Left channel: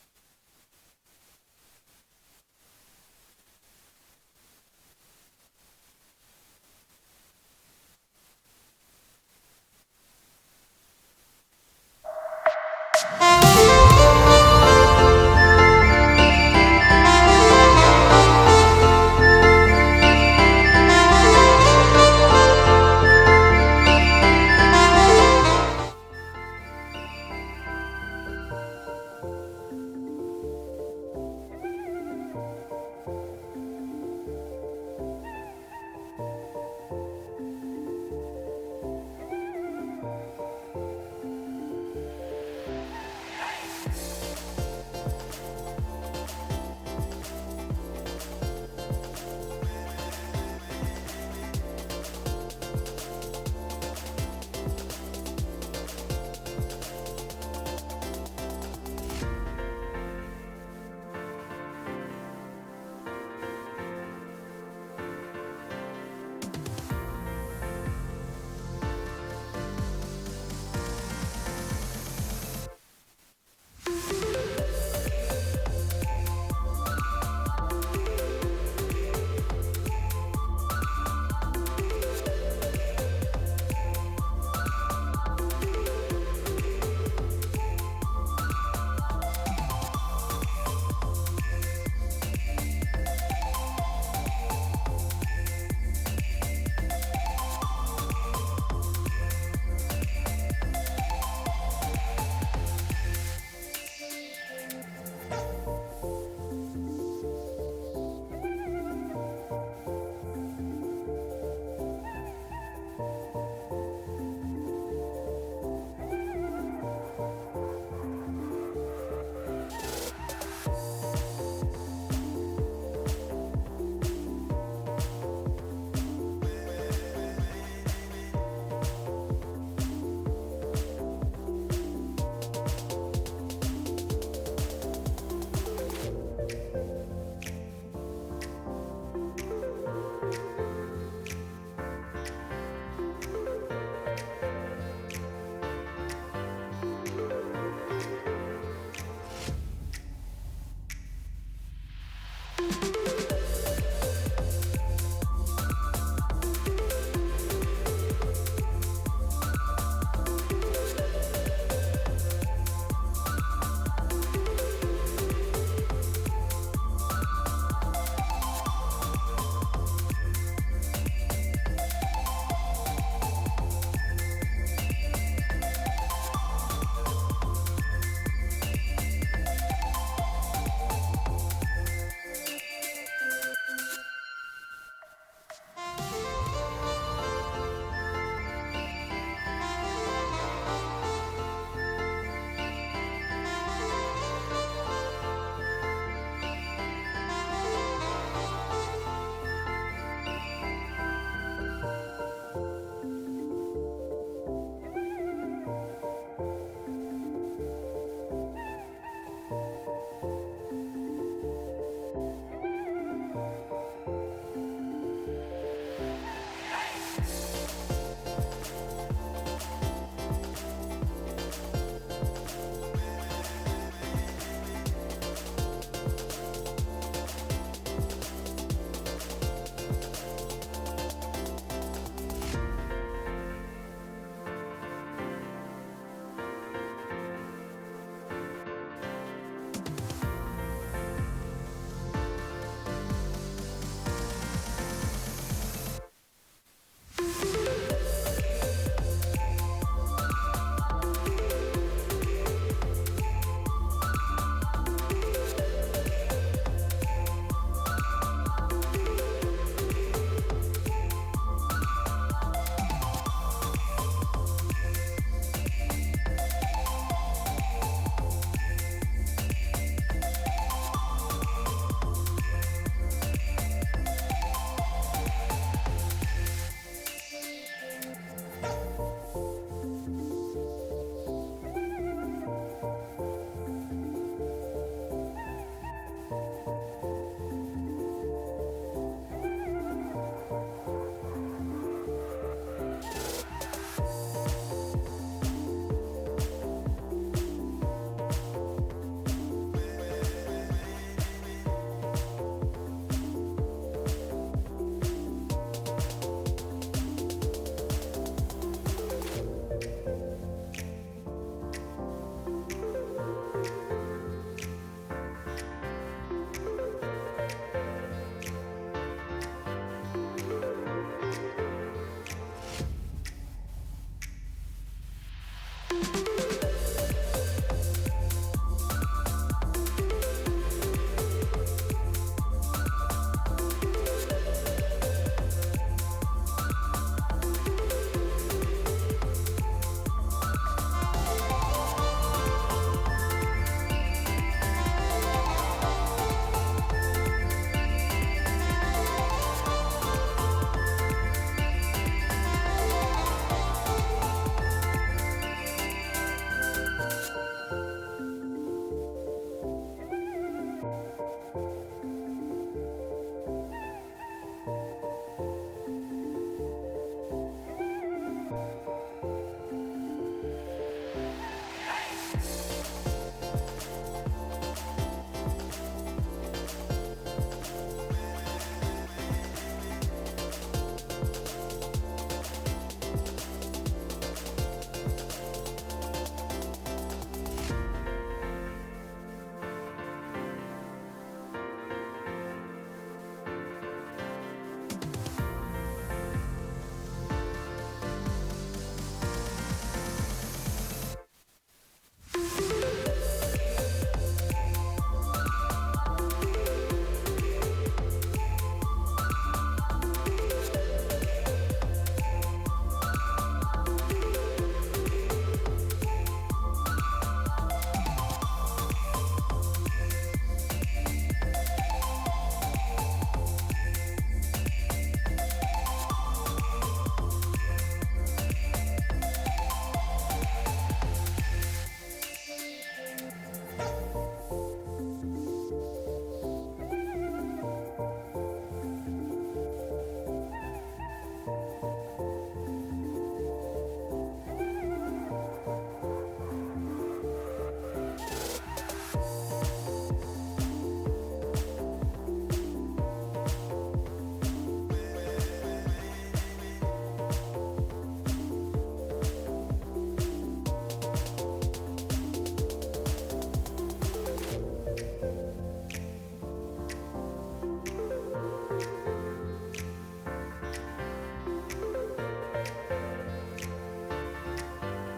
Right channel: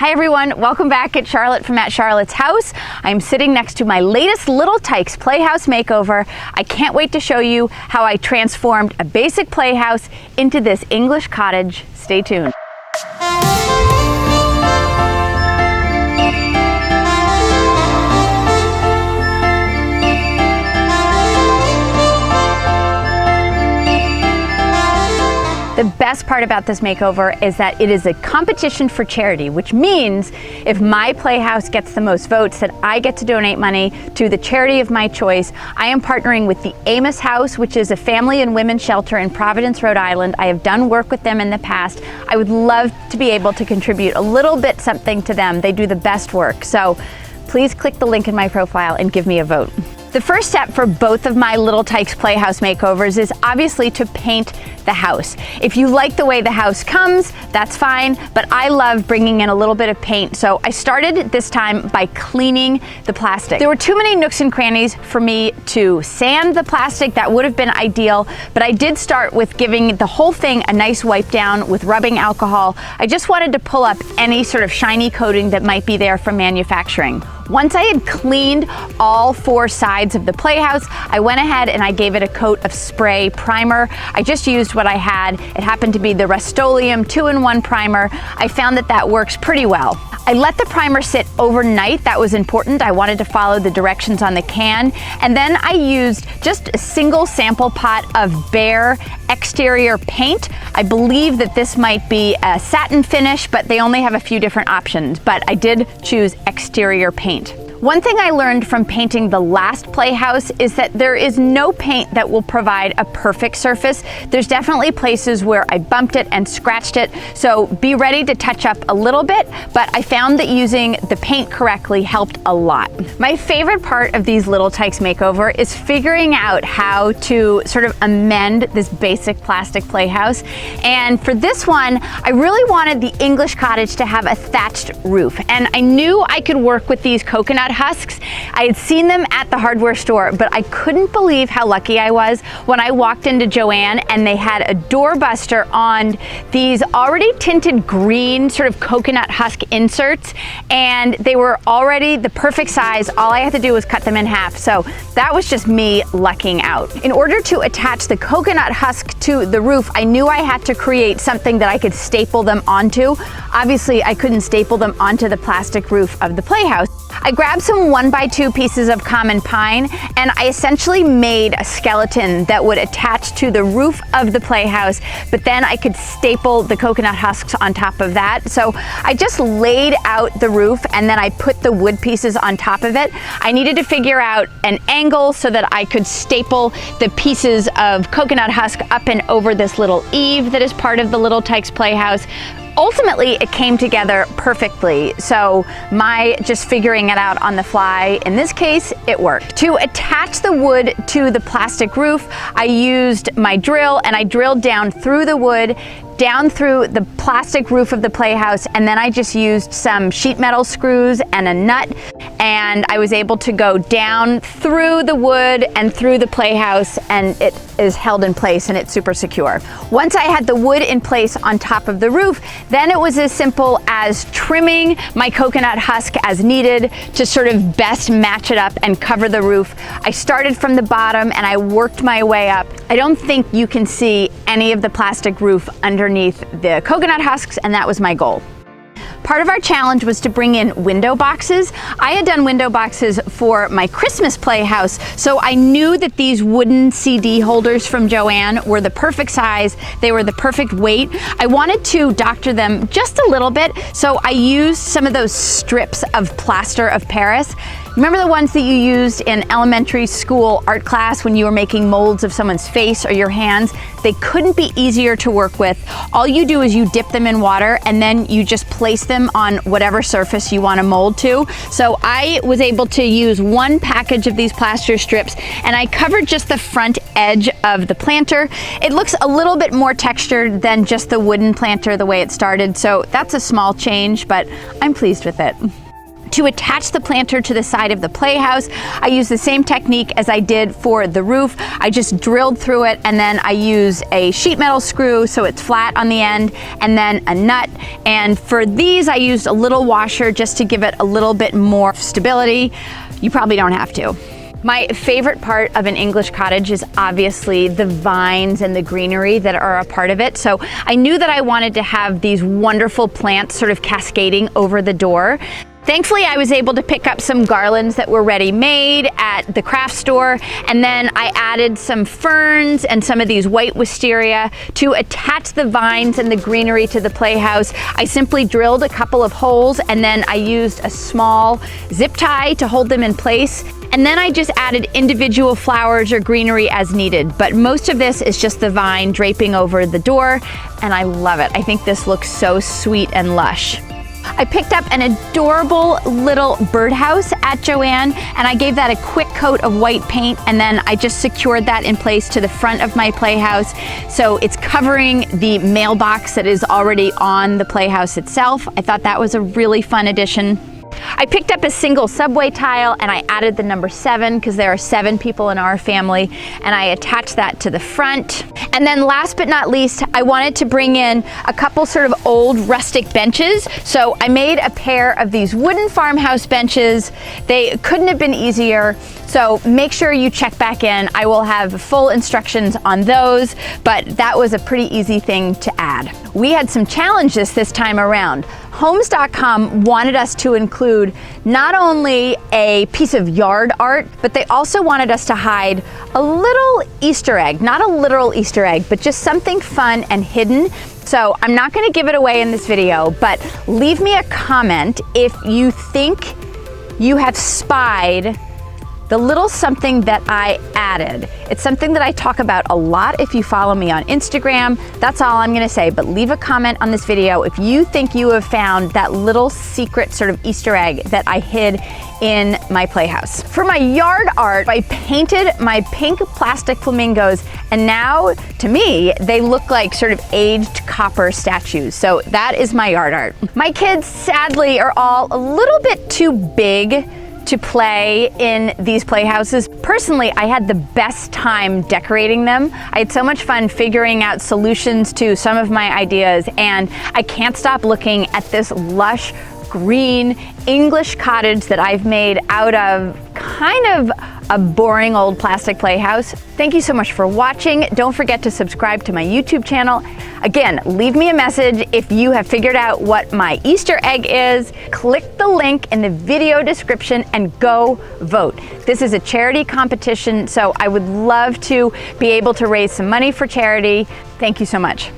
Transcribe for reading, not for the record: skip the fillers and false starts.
Hi everyone, welcome back at Charlotte from At Charlotte's House. I'm sitting next to my latest little Tikes Playhouse makeover. I can't wait to show you how I transformed a basic playhouse into this English cottage. Stay tuned. The best part about this makeover is that it is a competition for charity, which means if my playhouse gets the most votes, that I get to donate money to the charity of my choice. I am partnering with the Amos House, which is a family and women's shelter in Providence, Rhode Island. I have done work with them in the past. I would love to be able to contribute a little bit something to them. They do the best work. So please click the link in my profile and give me a vote. The first step for both of my little Tikes Playhouse makeovers is obviously to paint the house. If you like the way the house comes, that's fine, but I love bringing in a little bit of paint. So I started this time by cleaning the plastic. There were too many nooks and crannies for me to sand the plastic. That would have been ideal, but I did start with giving the whole thing a nice wipe down with rubbing alcohol. I just wanted to pull up any sort of shiny coating that might be there from manufacturing. Once I had cleaned all four sides of the playhouse, I went ahead and I gave it a coat of spray primer. I just used what I had. It happened to be the Rust-Oleum 2-in-1 primer. I found that that works pretty well. I let the primer sit overnight. That was important. I wanted to follow the directions on the can. And then I used just a single sample pot of bare exterior paint. I believe that this might be a satin finish, but they only have a few different options. But I did choose exterior paint. One thing I learned from painting the last playhouse is that there is no paint that will provide a perfect surface. There's definitely places where I bumped it and scratched it, so be ready to touch up a little bit, but I found that using the paint correctly helped a lot. My favorite part of these little Tikes makeover is figuring out how to sort of amend this basic plastic playhouse. And for this one, I really wanted the English cottage to have a thatched roof, and I knew I could work with these coconut husks. I had seen them at the hardware store, but I couldn't believe how lucky I was when I walked into Joann and they had a doorbuster on these already tinted green sort of coconut husk inserts, and they were already the perfect size. All I had to do was cut them in half. So that was just me lucking out. In order to attach the coconut husk to the roof, I knew I had to create something that I could staple them onto. Obviously, I couldn't staple them onto the plastic roof of the playhouse. I grabbed some 1x2 pieces of common pine, and I essentially made a skeleton that would attach to the roof of the playhouse, but then I could staple the coconut husks on top of that. So I just laid out the roof and then I put the wood pieces on top of it. I needed to figure out an angle so that I could staple the pieces of coconut husk up and over this little eave that is part of the little Tikes Playhouse. Ultimately, it came together perfectly, so my just figuring it out on the fly, in this case, it worked. To attach the wood to the plastic roof, I used my drill and I drilled down through the wood, down through the plastic roof of the playhouse, and then I just used some sheet metal screws and a nut, and I was able to go down through the wood and through the playhouse, and it is held in place and it's super secure. Once I had the wood in place on top of the roof, then it was as simple as trimming my coconut husk as needed to sort of best match it up and cover the roof. I started from the bottom and I worked my way up. I don't think you can see any of the plastic roof underneath the coconut husks, and that was my goal. Part of our challenge was to bring in window boxes. I had done window boxes for my Christmas playhouse, so I knew that these wooden CD holders from Joann were the perfect size. They were the perfect weight. I wanted to doctor them just a little bit, so I used some of those strips of plaster of Paris. Remember the ones that you used in elementary school art class when you were making molds of someone's face or your hands? They couldn't be easier to work with. All you do is you dip them in water and then you just place them on whatever surface you want to mold to. So I was able to use one package of these plaster strips and I covered just the front edge of the planter. It looks a little bit more textured than just the wooden planter the way it started, so that's a small change, but I'm pleased with it. To attach the planter to the side of the playhouse, I used the same technique as I did for the roof. I just drilled through it, and then I used a sheet metal screw so it's flat on the end, and then a nut. And for these, I used a little washer just to give it a little bit more stability. You probably don't have to. My favorite part of an English cottage is obviously the vines and the greenery that are a part of it. So I knew that I wanted to have these wonderful plants sort of cascading over the door. Thankfully, I was able to pick up some garlands that were ready-made at the craft store, and then I added some ferns and some of these white wisteria to attach the vines and the greenery to the playhouse. I simply drilled a couple of holes, and then I used a small zip tie to hold them in place. And then I just added individual flowers or greenery as needed. But most of this is just the vine draping over the door, and I love it. I think this looks so sweet and lush. I picked up an adorable little birdhouse at Joann, and I gave that a quick coat of white paint, and then I just secured that in place to the front of my playhouse. So it's covering the mailbox that is already on the playhouse itself. I thought that was a really fun addition. I picked up a single subway tile, and I added the number 7 because there are 7 people in our family, and I attached that to the front. And then last but not least, I wanted to bring in a couple sort of old rustic benches. So I made a pair of these wooden farmhouse benches. They couldn't have been easier. So make sure you check back in. I will have full instructions on those, but that was a pretty easy thing to add. We had some challenges this time around. Homes.com wanted us to include not only a piece of yard art, but they also wanted us to hide a little Easter egg, not a literal Easter egg, but just something fun and hidden. So I'm not going to give it away in this video, but leave me a comment if you think you have spied the little something that I added. It's something that I talk about a lot if you follow me on Instagram. That's all I'm gonna say, but leave a comment on this video if you think you have found that little secret sort of Easter egg that I hid in my playhouse. For my yard art, I painted my pink plastic flamingos, and now, to me, they look like sort of aged copper statues. So that is my yard art. My kids, sadly, are all a little bit too big to play in these playhouses. Personally, I had the best time decorating them. I had so much fun figuring out solutions to some of my ideas, and I can't stop looking at this lush green English cottage that I've made out of kind of a boring old plastic playhouse. Thank you so much for watching. Don't forget to subscribe to my YouTube channel. Again, leave me a message if you have figured out what my Easter egg is. Click the link in the video description and go vote. This is a charity competition, so I would love to be able to raise some money for charity. Thank you so much.